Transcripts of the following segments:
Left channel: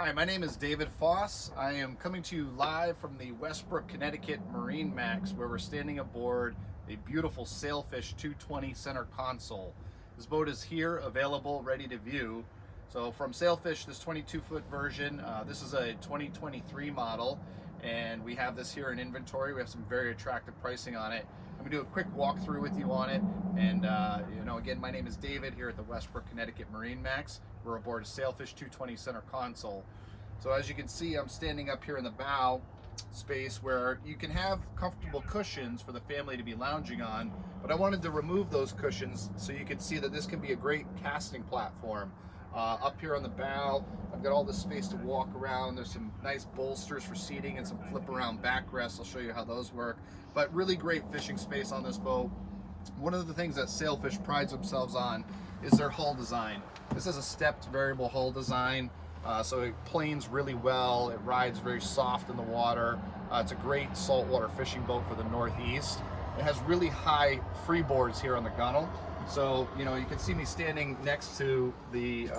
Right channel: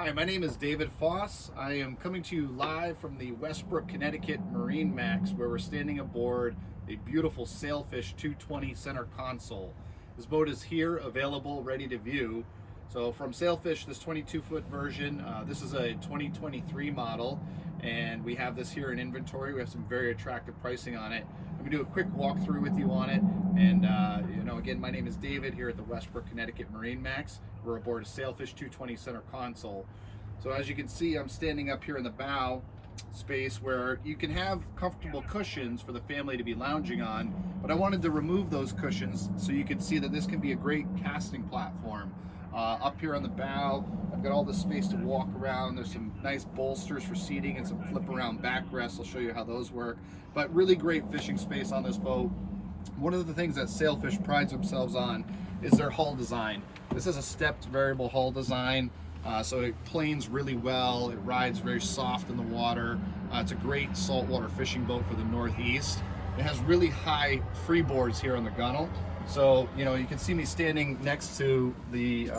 Hi, my name is David Foss. I am coming to you live from the Westbrook, Connecticut MarineMax, where we're standing aboard a beautiful Sailfish 220 center console. This boat is here, available, ready to view. So from Sailfish, this 22-foot version, this is a 2023 model, and we have this here in inventory. We have some very attractive pricing on it. I'm gonna do a quick walkthrough with you on it. And again, my name is David here at the Westbrook, Connecticut MarineMax. We're aboard a Sailfish 220 center console. So as you can see, I'm standing up here in the bow space where you can have comfortable cushions for the family to be lounging on, but I wanted to remove those cushions so you can see that this can be a great casting platform. Up here on the bow, I've got all this space to walk around. There's some nice bolsters for seating and some flip around backrests. I'll show you how those work, but really great fishing space on this boat. One of the things that Sailfish prides themselves on is their hull design. This is a stepped variable hull design, so it planes really well. It rides very soft in the water. It's a great saltwater fishing boat for the Northeast. It has really high freeboards here on the gunnel. So, you can see me standing next to the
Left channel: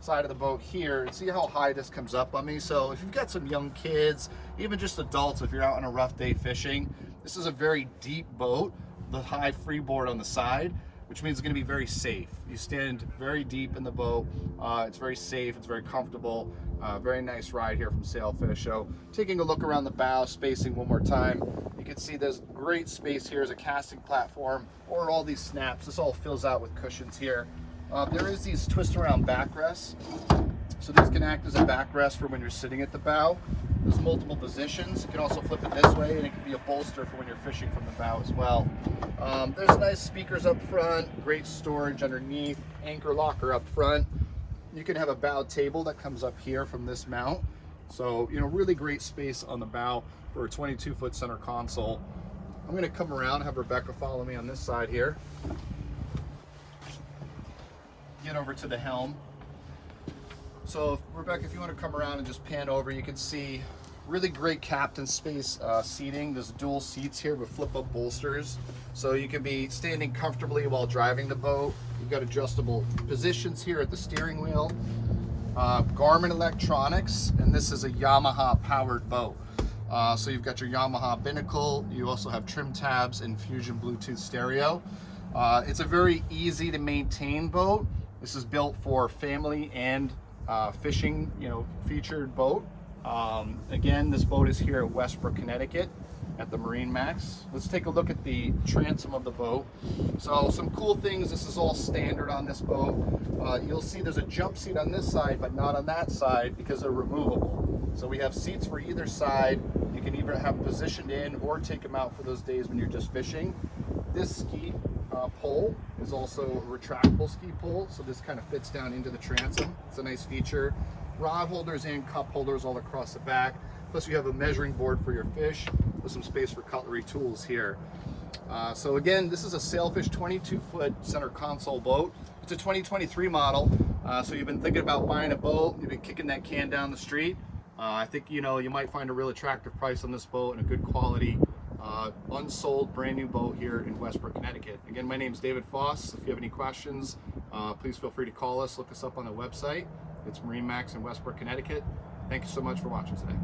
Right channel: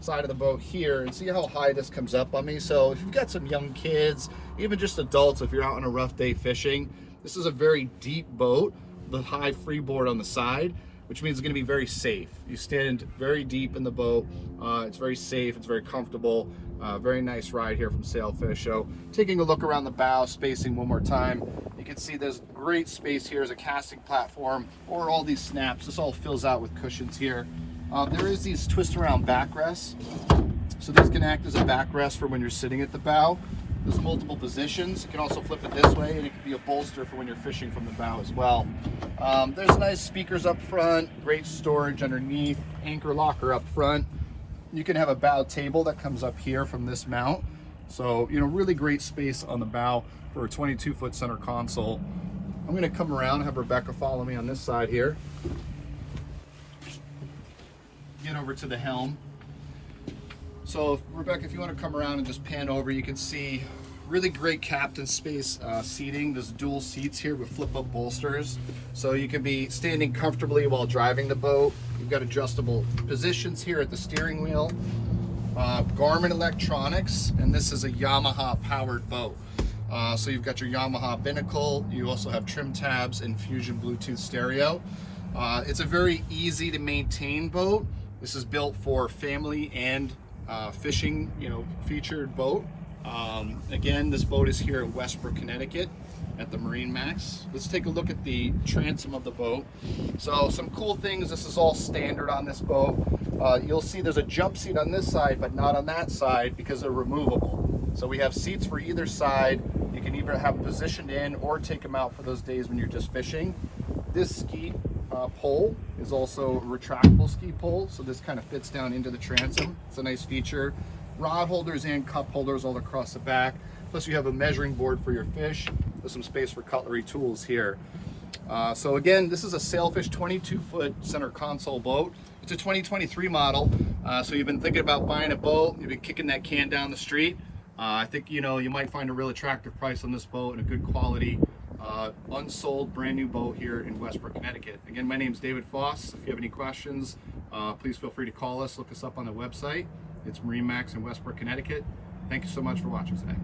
side of the boat here and see how high this comes up on me. So if you've got some young kids, even just adults, if you're out on a rough day fishing, this is a very deep boat, the high freeboard on the side, which means it's going to be very safe. You stand very deep in the boat. It's very safe. It's very comfortable. Very nice ride here from Sailfish. So taking a look around the bow, spacing one more time, you can see there's great space here as a casting platform or all these snaps. This all fills out with cushions here. There is these twist around backrests. So these can act as a backrest for when you're sitting at the bow. There's multiple positions. You can also flip it this way, and it can be a bolster for when you're fishing from the bow as well. There's nice speakers up front, great storage underneath, anchor locker up front. You can have a bow table that comes up here from this mount. So, really great space on the bow for a 22-foot center console. I'm gonna come around and have Rebecca follow me on this side here. Get over to the helm. So Rebecca, if you want to come around and just pan over, you can see really great captain space seating. There's dual seats here with flip-up bolsters, so you can be standing comfortably while driving the boat. You've got adjustable positions here at the steering wheel. Garmin electronics, and this is a Yamaha powered boat. So you've got your Yamaha binnacle. You also have trim tabs and Fusion Bluetooth stereo. It's a very easy to maintain boat. This is built for family and fishing, featured boat. Again, this boat is here at Westbrook, Connecticut at the MarineMax. Let's take a look at the transom of the boat. So some cool things, this is all standard on this boat. You'll see there's a jump seat on this side, but not on that side because they're removable. So we have seats for either side. You can either have positioned in or take them out for those days when you're just fishing. This ski pole is also a retractable ski pole, so this kind of fits down into the transom. It's a nice feature. Rod holders and cup holders all across the back. Plus you have a measuring board for your fish with some space for cutlery tools here. So again, this is a Sailfish 22-foot center console boat. It's a 2023 model. So you've been thinking about buying a boat, you've been kicking that can down the street. I think you might find a real attractive price on this boat and a good quality unsold brand new boat here in Westbrook, Connecticut. Again, my name is David Foss. If you have any questions, please feel free to call us. Look us up on the website. It's MarineMax in Westbrook, Connecticut. Thank you so much for watching today.